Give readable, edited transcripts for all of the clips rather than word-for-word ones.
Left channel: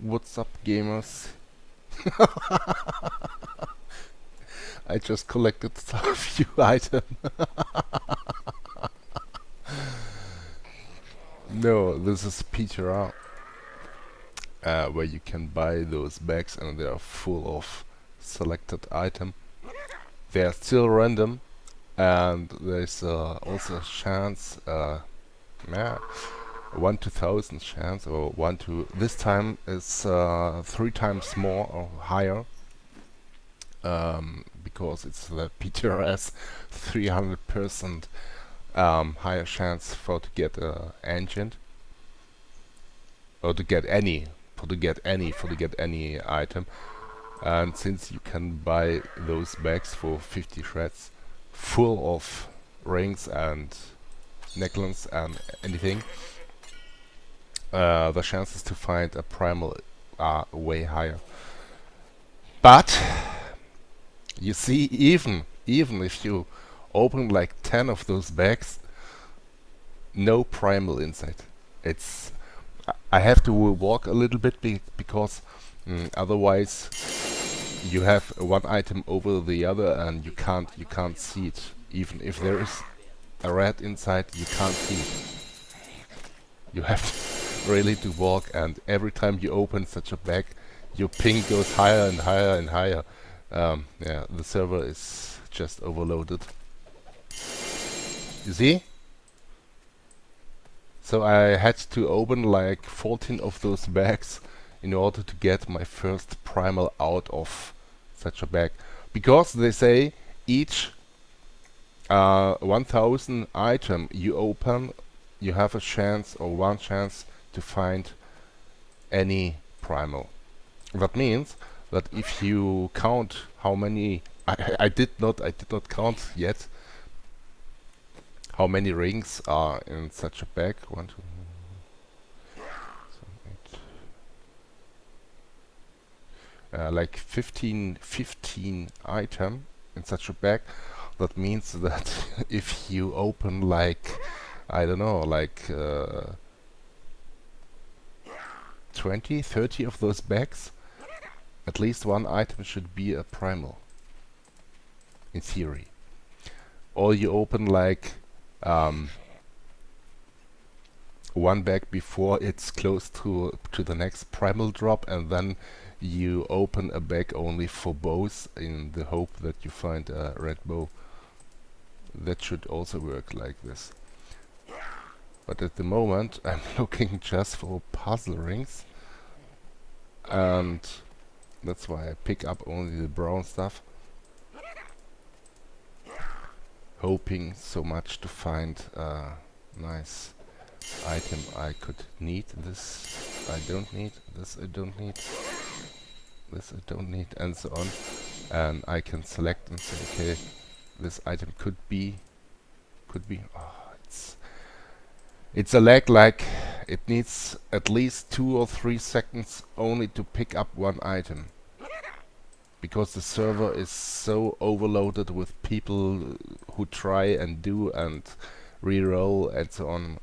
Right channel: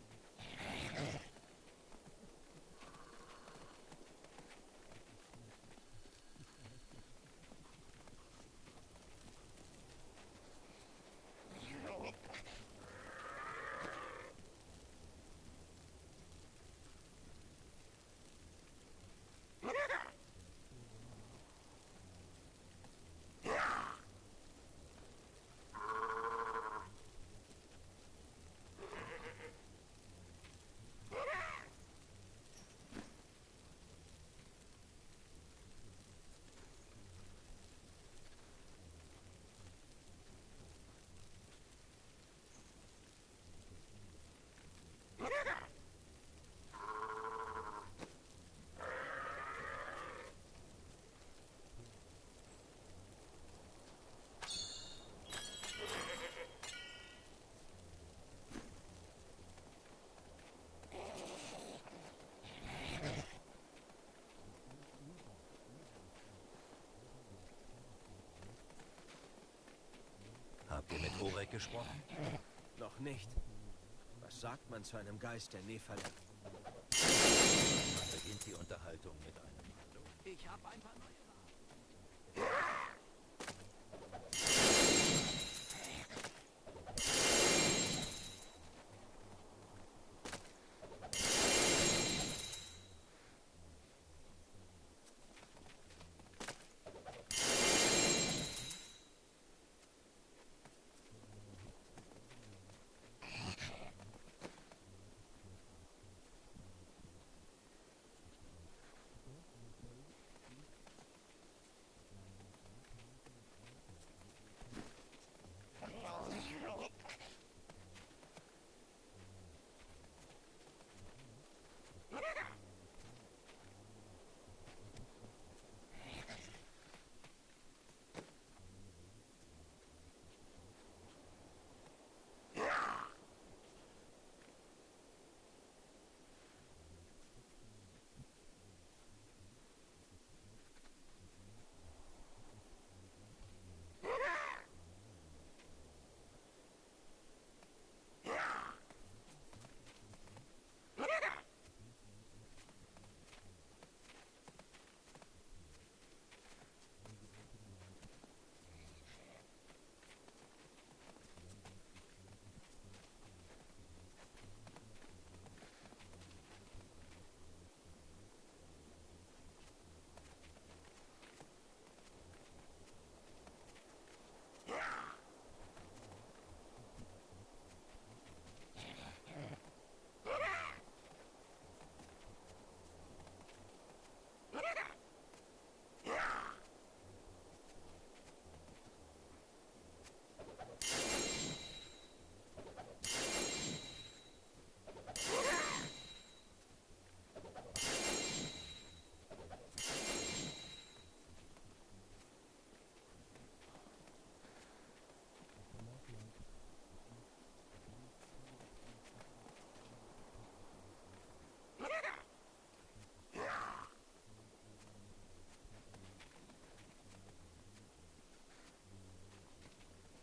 What's up, gamers? I just collected a few items. No, this is PTR, where you can buy those bags and they are full of selected item. They are still random, and there's also a chance, yeah, 1 to 1000 chance, or 1 to, this time is 3 times more or higher, because it's the PTRS 300% higher chance for to get engine, or to get any, for to get any item. And since you can buy those bags for 50 shreds full of rings and necklaces and anything, the chances to find a primal are way higher. But you see, even if you open like 10 of those bags, no primal inside. It's I have to walk a little bit because otherwise you have one item over the other and you can't see it. Even if there is a rat inside, you can't see it. You have really to walk, and every time you open such a bag, your ping goes higher and higher and higher. Yeah, the server is just overloaded. You see? So I had to open like 14 of those bags in order to get my first primal out of such a bag. Because they say each 1000 item you open, you have a chance or one chance to find any primal. That means that if you count how many, I did not count yet how many rings are in such a bag. 1, 2, 8, like 15 item in such a bag. That means that if you open like, I don't know, like 20, 30 of those bags, at least one item should be a primal, in theory. Or you open like one bag before it's close to the next primal drop, and then you open a bag only for bows in the hope that you find a red bow. That should also work like this. But at the moment I'm looking just for puzzle rings, and that's why I pick up only the brown stuff, hoping so much to find a nice item I could need. This I don't need, this I don't need, this I don't need, and so on. And I can select and say, okay, this item could be, oh, it's a lag, like it needs at least 2 or 3 seconds only to pick up one item. Because the server is so overloaded with people who try and do and re-roll and so on.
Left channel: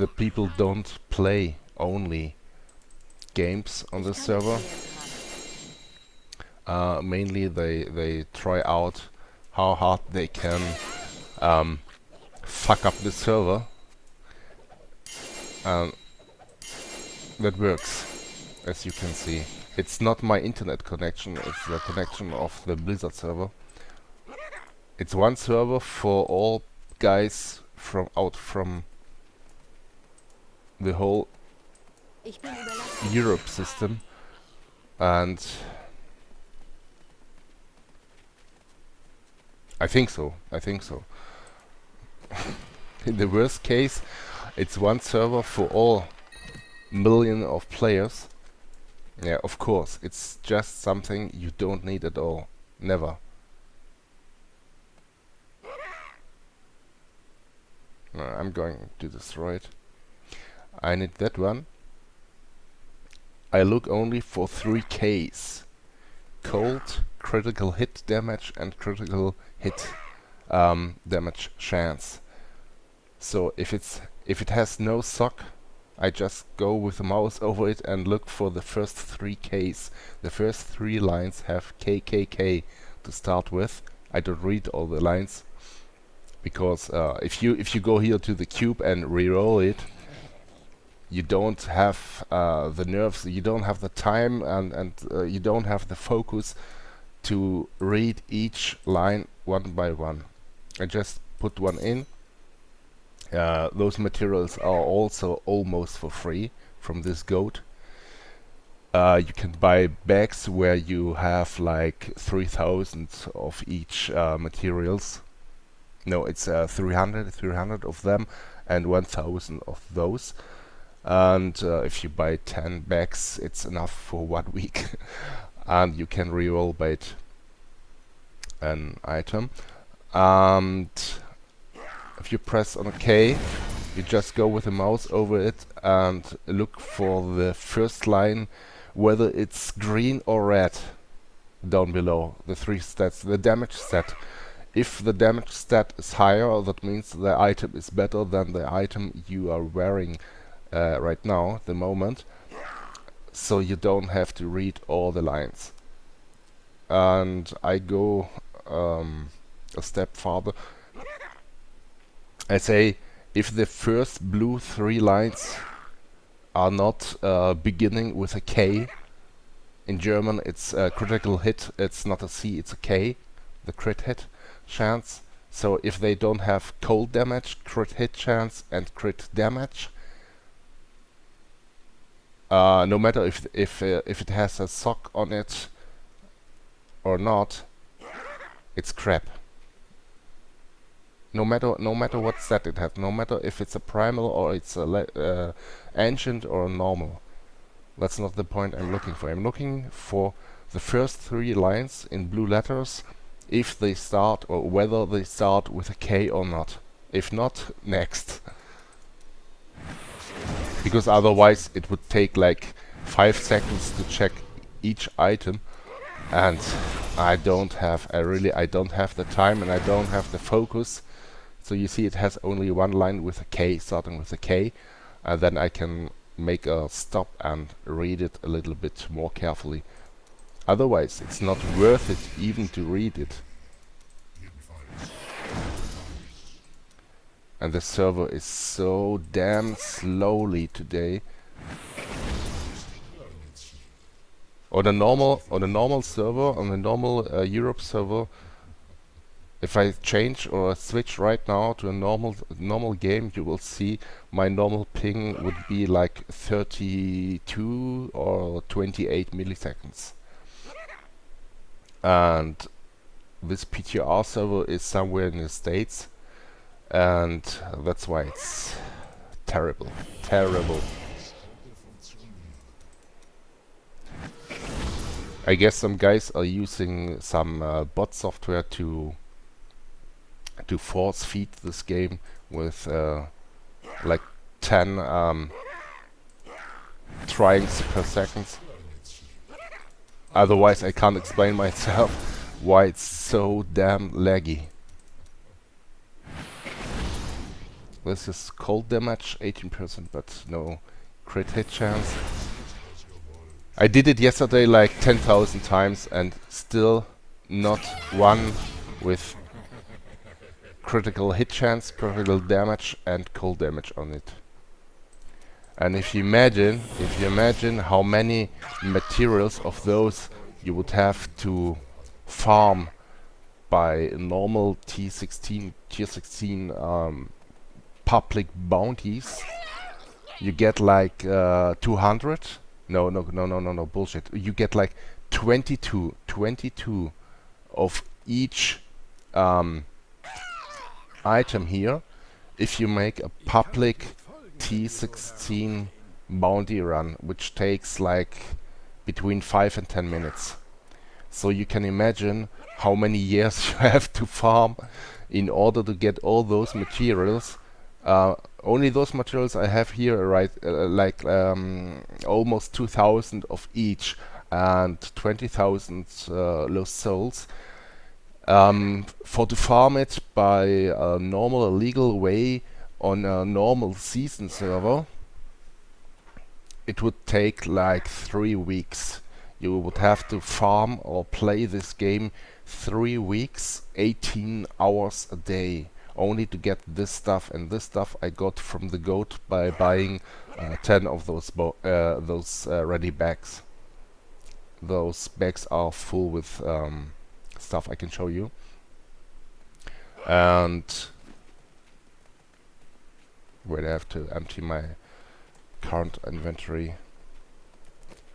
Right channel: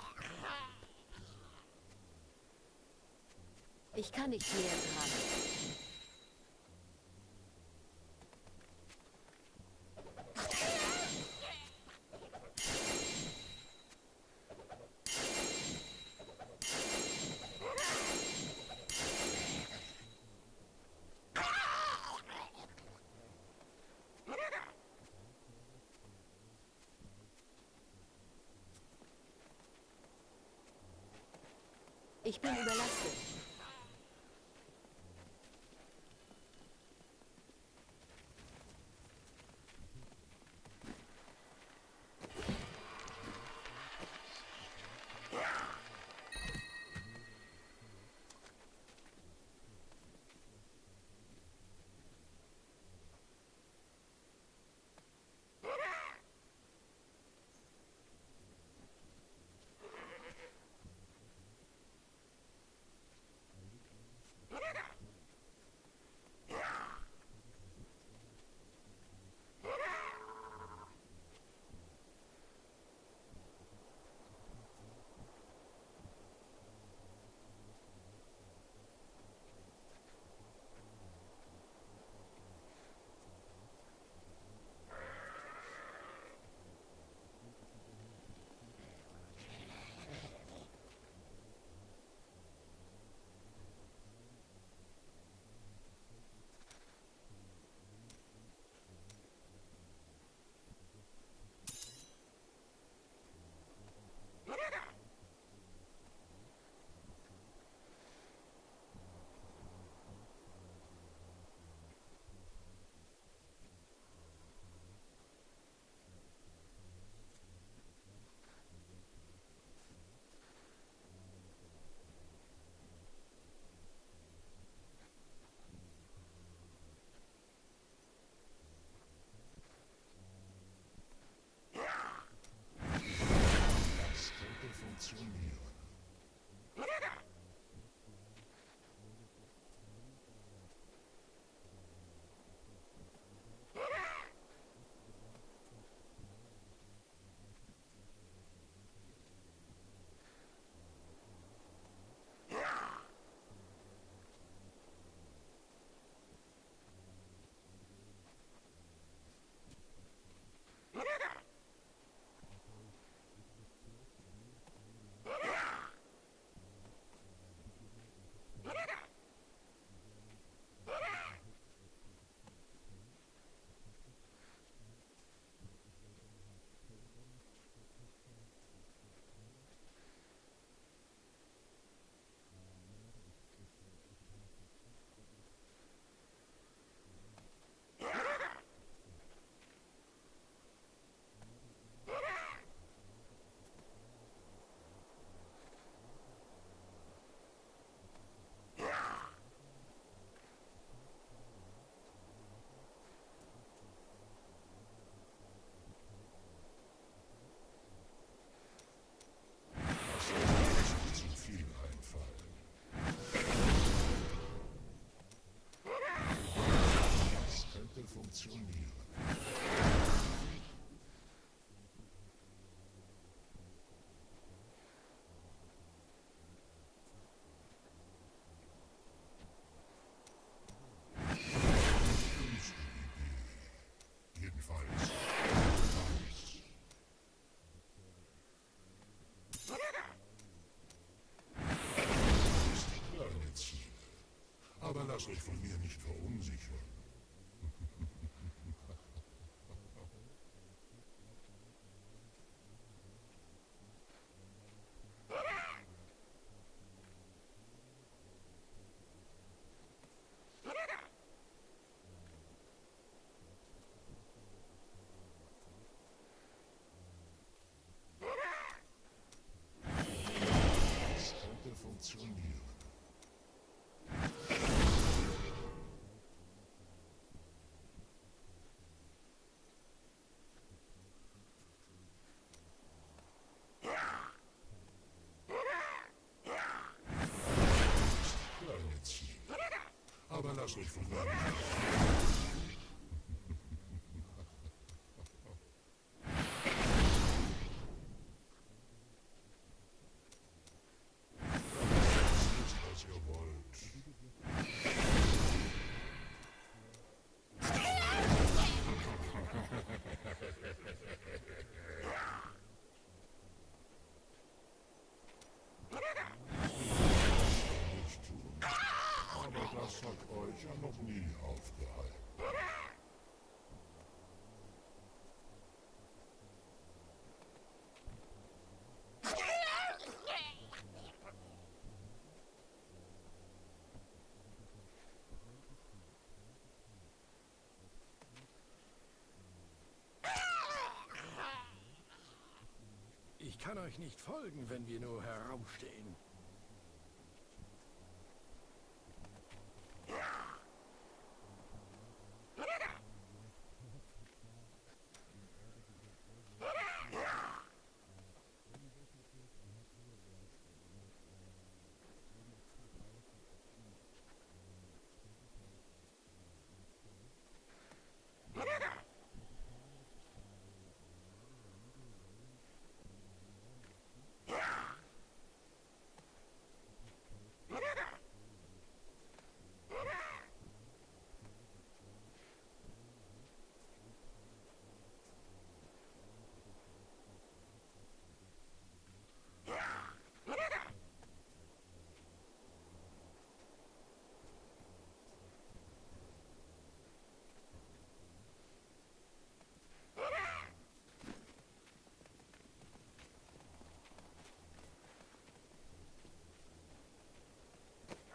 The people don't play only games on the server. Mainly they try out how hard they can fuck up the server. That works, as you can see. It's not my internet connection, it's the connection of the Blizzard server. It's one server for all guys from the whole Europe system, and I think so. In the worst case, it's one server for all million of players. Yeah, of course, it's just something you don't need at all. Never. I'm going to destroy it. I need that one. I look only for 3 Ks. Cold, critical hit damage, and critical hit damage chance. So if it has no sock, I just go with the mouse over it and look for the first 3 Ks. The first 3 lines have KKK to start with. I don't read all the lines because if you go here to the cube and re-roll it, you don't have the nerves, you don't have the time, and you don't have the focus to read each line one by one. I just put one in. Those materials are also almost for free from this goat. You can buy bags where you have like 3,000 of each materials. No, it's 300 of them and 1,000 of those. And if you buy 10 bags, it's enough for 1 week. And you can re-roll bait an item. And if you press on OK, you just go with the mouse over it and look for the first line, whether it's green or red down below, the 3 stats, the damage stat. If the damage stat is higher, that means the item is better than the item you are wearing right now, the moment. So you don't have to read all the lines. And I go a step farther. I say, if the first blue 3 lines are not beginning with a K, in German it's a critical hit, it's not a C, it's a K, the crit hit chance. So if they don't have cold damage, crit hit chance and crit damage, no matter if it has a sock on it or not, it's crap. No matter what stat it has, no matter if it's a primal or it's a ancient or a normal. That's not the point I'm looking for. I'm looking for the first 3 lines in blue letters, if they start or whether they start with a K or not. If not, next. Because otherwise it would take like 5 seconds to check each item, and I don't have the time and I don't have the focus. So you see it has only 1 line with a K, starting with a K, and then I can make a stop and read it a little bit more carefully. Otherwise it's not worth it even to read it. And the server is so damn slowly today. On a normal server, on the normal Europe server, if I change or switch right now to a normal game, you will see my normal ping would be like 32 or 28 milliseconds. And this PTR server is somewhere in the States, and that's why it's terrible. I guess some guys are using some bot software to force feed this game with like 10 tries per second. Otherwise I can't explain myself why it's so damn laggy. This is cold damage, 18%, but no crit hit chance. I did it yesterday like 10,000 times and still not one with critical hit chance, critical damage and cold damage on it. And if you imagine how many materials of those you would have to farm by normal tier 16 public bounties, you get like 200. No, bullshit. You get like 22 of each item here if you make a public T16 bounty run, which takes like between 5 and 10 minutes. So you can imagine how many years you have to farm in order to get all those materials. Only those materials I have here, right, like almost 2,000 of each and 20,000 lost souls. For to farm it by a normal legal way on a normal season server, it would take like 3 weeks. You would have to farm or play this game 3 weeks, 18 hours a day, only to get this stuff. And this stuff I got from the goat by buying 10 of those ready bags. Those bags are full with stuff I can show you. And wait, I have to empty my current inventory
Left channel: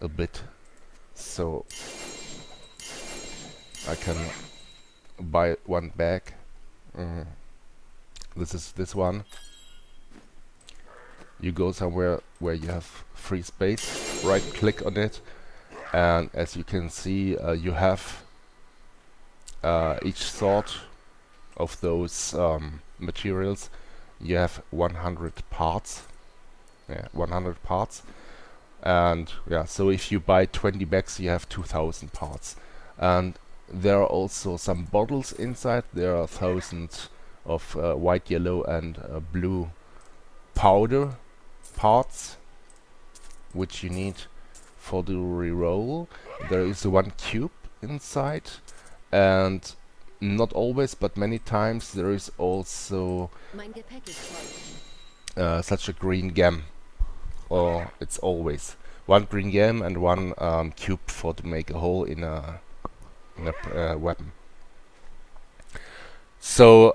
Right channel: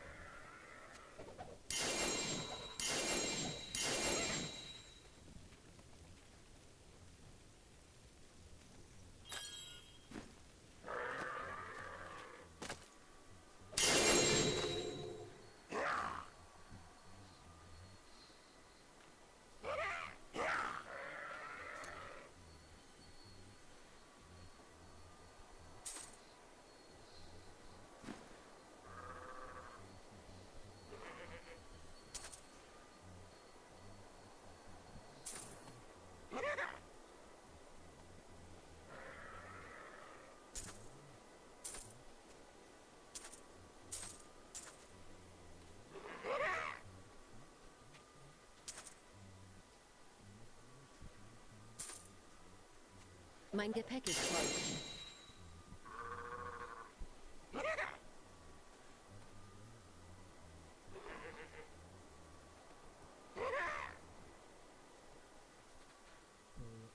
a bit so I can buy one bag. This is this one. You go somewhere where you have free space, right click on it, and as you can see you have each sort of those materials. You have 100 parts. Yeah, 100 parts. And yeah, so if you buy 20 bags, you have 2000 parts. And there are also some bottles inside. There are thousands of white, yellow, and blue powder parts, which you need for the reroll. There is one cube inside, and not always, but many times there is also such a green gem, or it's always one green gem and one cube for to make a hole in a weapon. So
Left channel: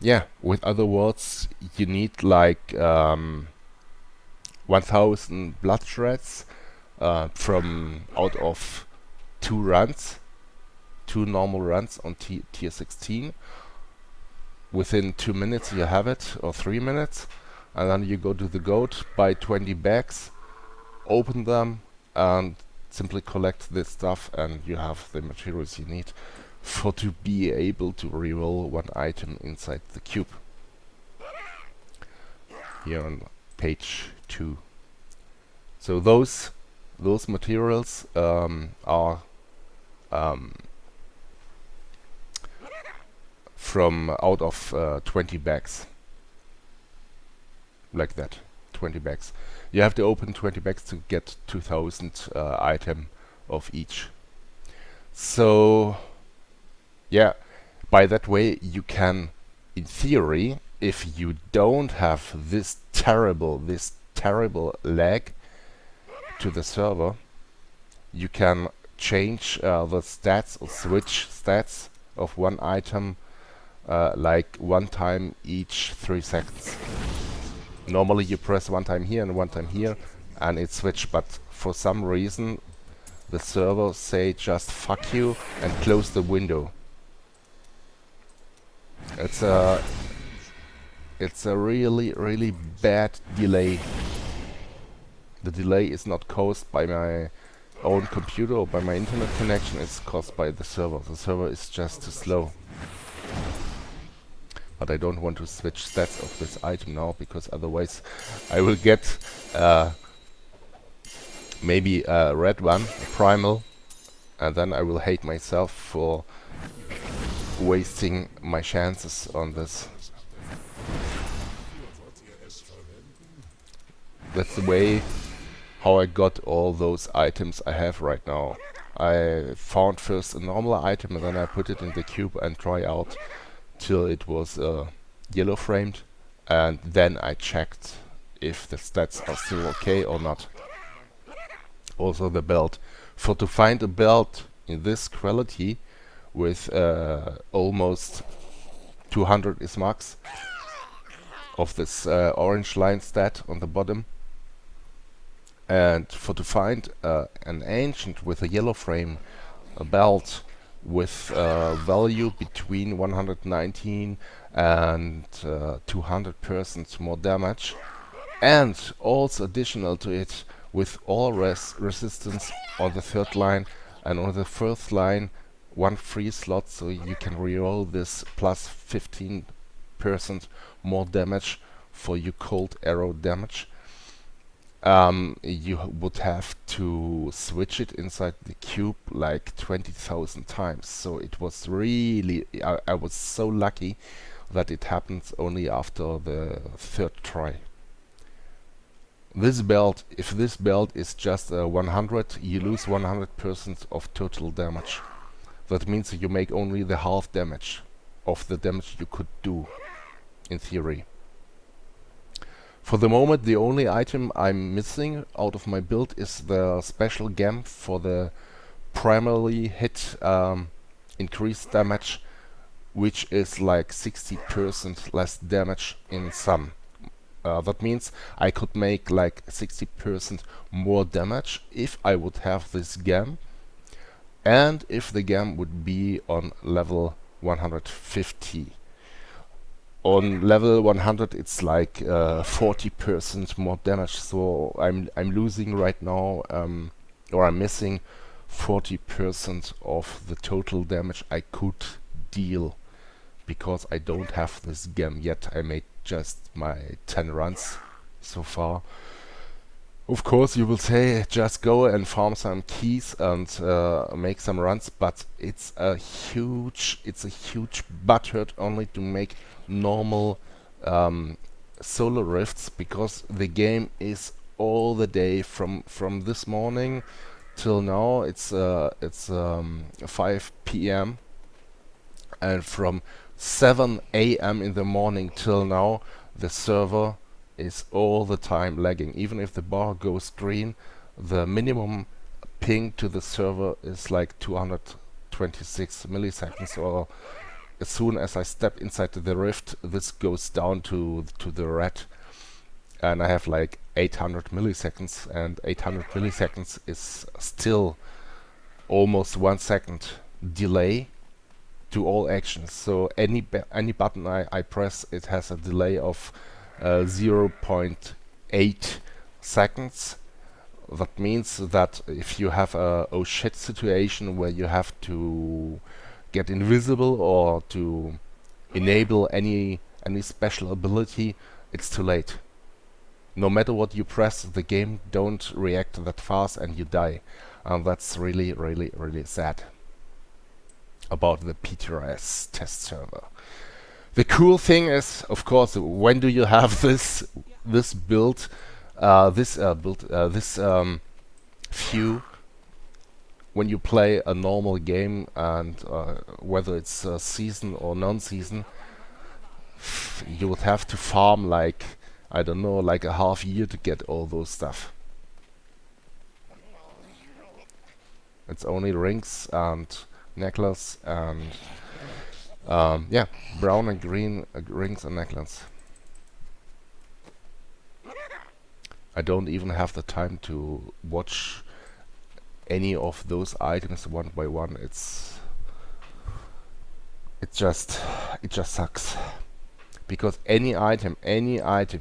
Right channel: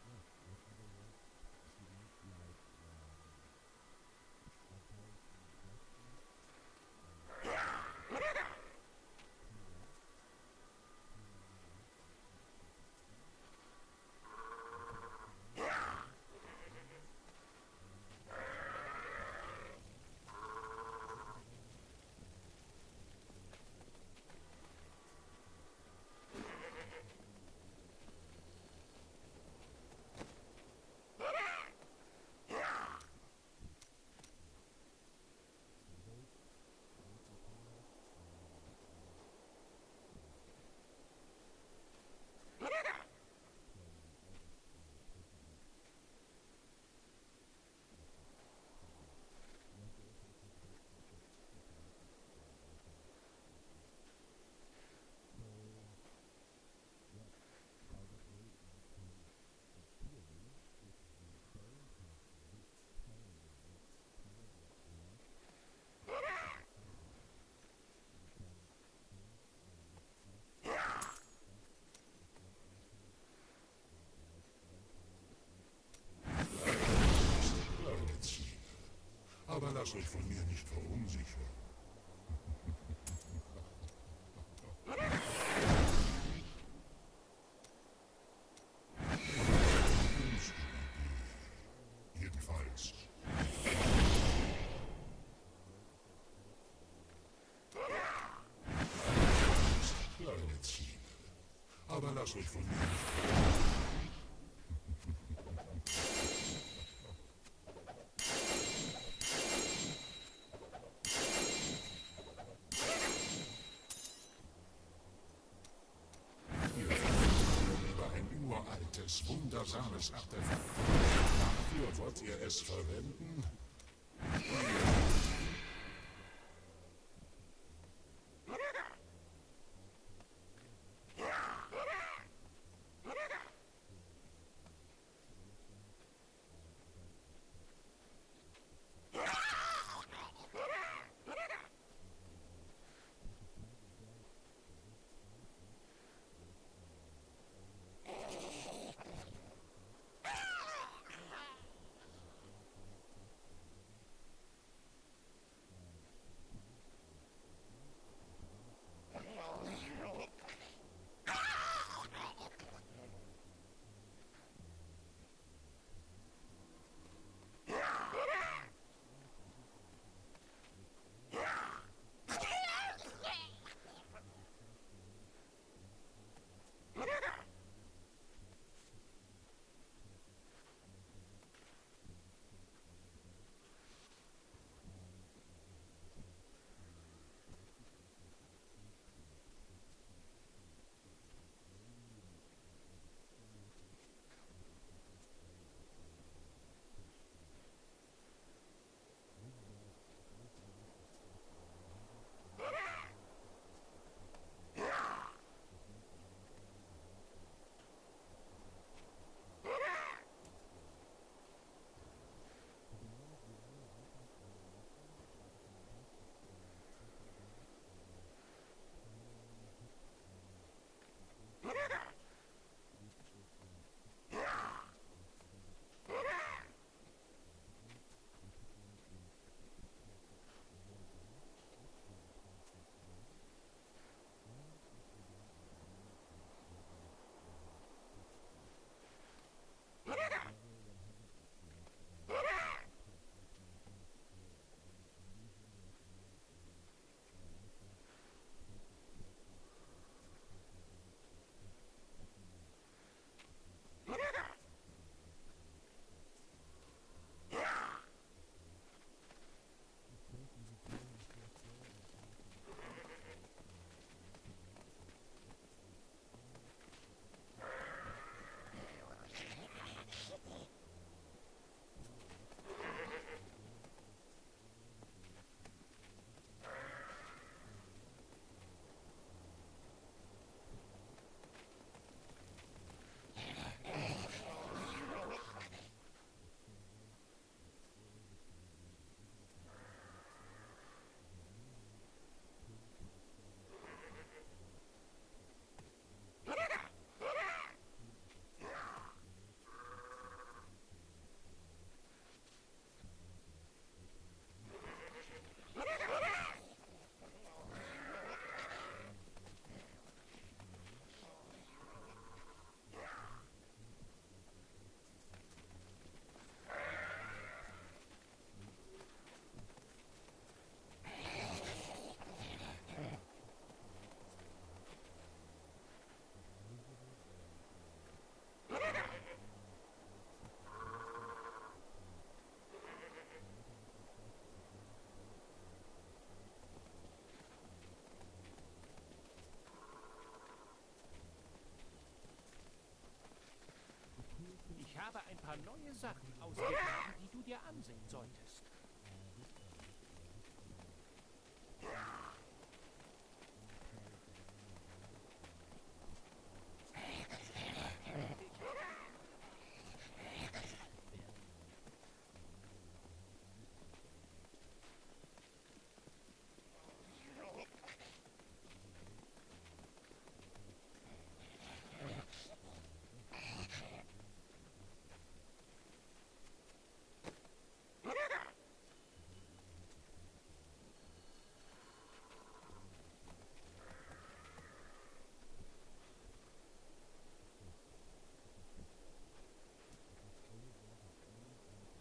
yeah, with other words, you need like 1000 blood shreds from out of 2 normal runs on tier 16. Within 2 minutes you have it, or 3 minutes, and then you go to the goat, buy 20 bags, open them, and simply collect this stuff, and you have the materials you need for to be able to reroll one item inside the cube. Here on page 2. So those materials are from out of 20 bags, like that. 20 bags. You have to open 20 bags to get 2000 item of each. So yeah, by that way you can, in theory, if you don't have this terrible lag to the server, you can change the stats or switch stats of one item like one time each 3 seconds. Normally you press one time here and one time here and it switch, but for some reason the server say just fuck you and close the window. It's a really bad delay. The delay is not caused by my own computer or by my internet connection, it's caused by the server. The server is just slow. But I don't want to switch stats of this item now, because otherwise I will get maybe a red one, a Primal, and then I will hate myself for wasting my chances on this. That's the way how I got all those items I have right now. I found first a normal item and then I put it in the cube and try out till it was yellow framed, and then I checked if the stats are still okay or not. Also the belt. For to find a belt in this quality with almost 200 is max of this orange line stat on the bottom, and for to find an ancient with a yellow frame, a belt with value between 119 and 200% more damage, and also additional to it with all resistance on the 3rd line, and on the 4th line 1 free slot, so you can reroll this plus 15% more damage for your cold arrow damage. You would have to switch it inside the cube like 20,000 times. So it was really, I was so lucky that it happens only after the 3rd try. This belt, if this belt is just 100, you lose 100% of total damage. That means you make only the half damage of the damage you could do, in theory. For the moment, the only item I'm missing out of my build is the special gem for the primarily hit increased damage, which is like 60% less damage in sum. That means I could make like 60% more damage if I would have this gem, and if the gem would be on level 150. On level 100 it's like 40% more damage, so I'm losing right now, or I'm missing 40% of the total damage I could deal, because I don't have this gem yet. I made just my 10 runs so far. Of course, you will say just go and farm some keys and make some runs, but it's a huge butthurt only to make normal solo rifts, because the game is all the day from this morning till now. It's 5 p.m. and from 7 a.m. in the morning till now, the server is all the time lagging. Even if the bar goes green, the minimum ping to the server is like 226 milliseconds, or as soon as I step inside the rift, this goes down to the red, and I have like 800 milliseconds, and 800 milliseconds is still almost 1 second delay to all actions. So any button I press, it has a delay of 0.8 seconds. That means that if you have a oh shit situation where you have to get invisible or to enable any special ability, it's too late. No matter what you press, the game don't react that fast and you die. And that's really sad about the PTRS test server. The cool thing is, of course, when do you have this build, this view, when you play a normal game, and whether it's season or non-season, you would have to farm like, I don't know, like a half year to get all those stuff. It's only rings and necklace and yeah, brown and green rings and necklace. I don't even have the time to watch any of those items one by one. It just sucks, because any item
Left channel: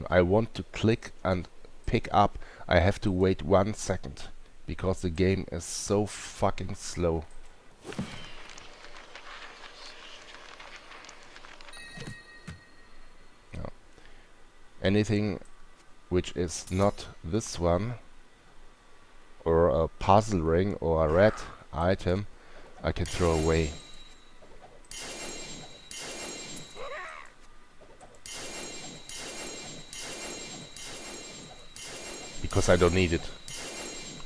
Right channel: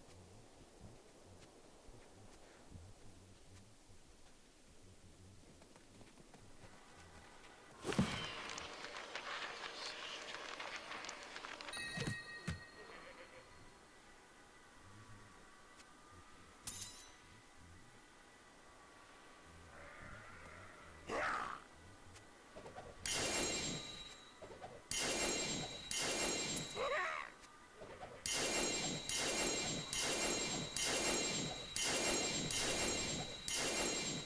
I want to click and pick up, I have to wait 1 second, because the game is so fucking slow. No. Anything which is not this one, or a puzzle ring or a red item, I can throw away. Because I don't need it.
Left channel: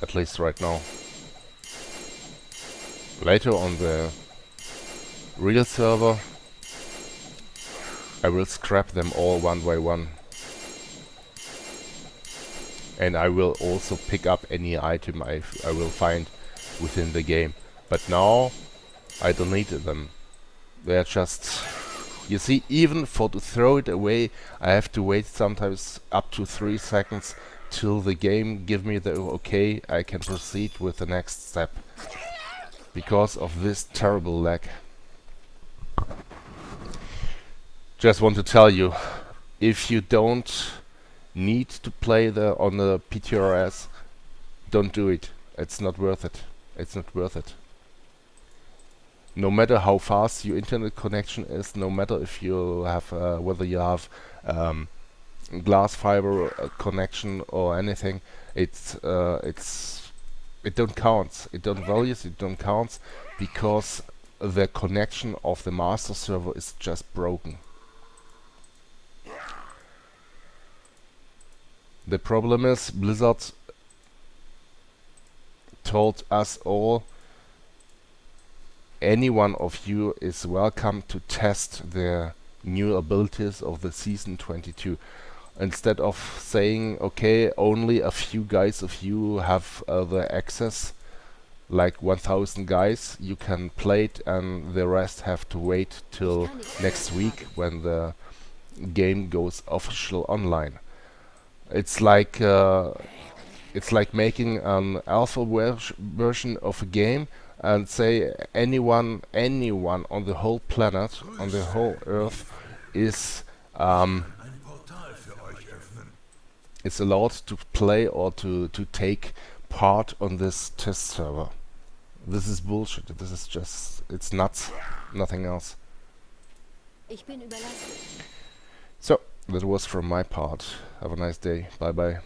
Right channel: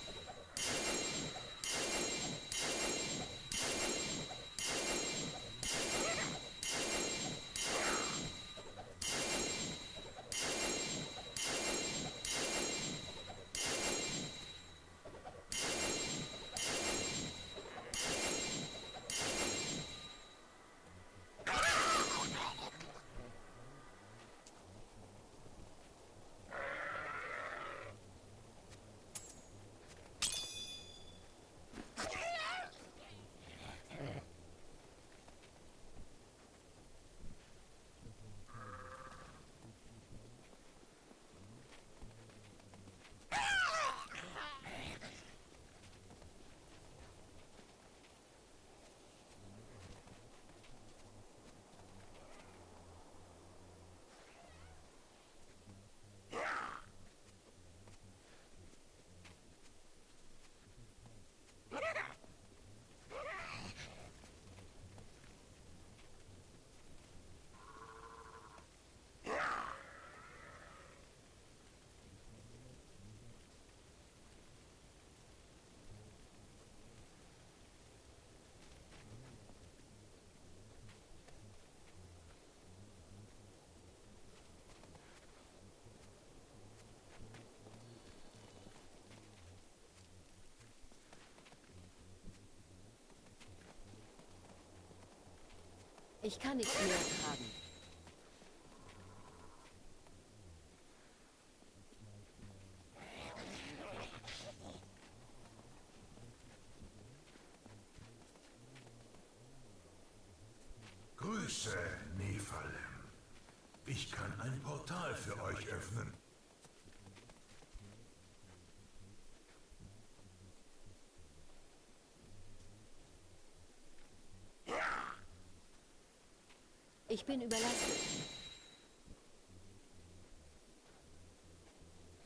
At least right now. Later on the real server, I will scrap them all one by one. And I will also pick up any item I will find within the game. But now, I don't need them. They're just... You see, even for to throw it away, I have to wait sometimes up to 3 seconds till the game give me the okay, I can proceed with the next step. Because of this terrible lag. Just want to tell you, if you don't need to play on the PTRS, don't do it. It's not worth it. It's not worth it. No matter how fast your internet connection is, no matter if you have whether you have glass fiber connection or anything, it don't count. It don't values. It don't count, because the connection of the master server is just broken. The problem is Blizzard told us all, any one of you is welcome to test the new abilities of the season 22. Instead of saying, okay, only a few guys of you have the access, like 1000 guys, you can play it, and the rest have to wait till next week when the game goes official online. It's like making an alpha version of a game and say anyone on the whole planet, on the whole Earth, is is allowed to play or to take part on this test server. This is bullshit. This is just, it's nuts. Nothing else. Ich bin überlastet. So, that was from my part. Have a nice day. Bye bye.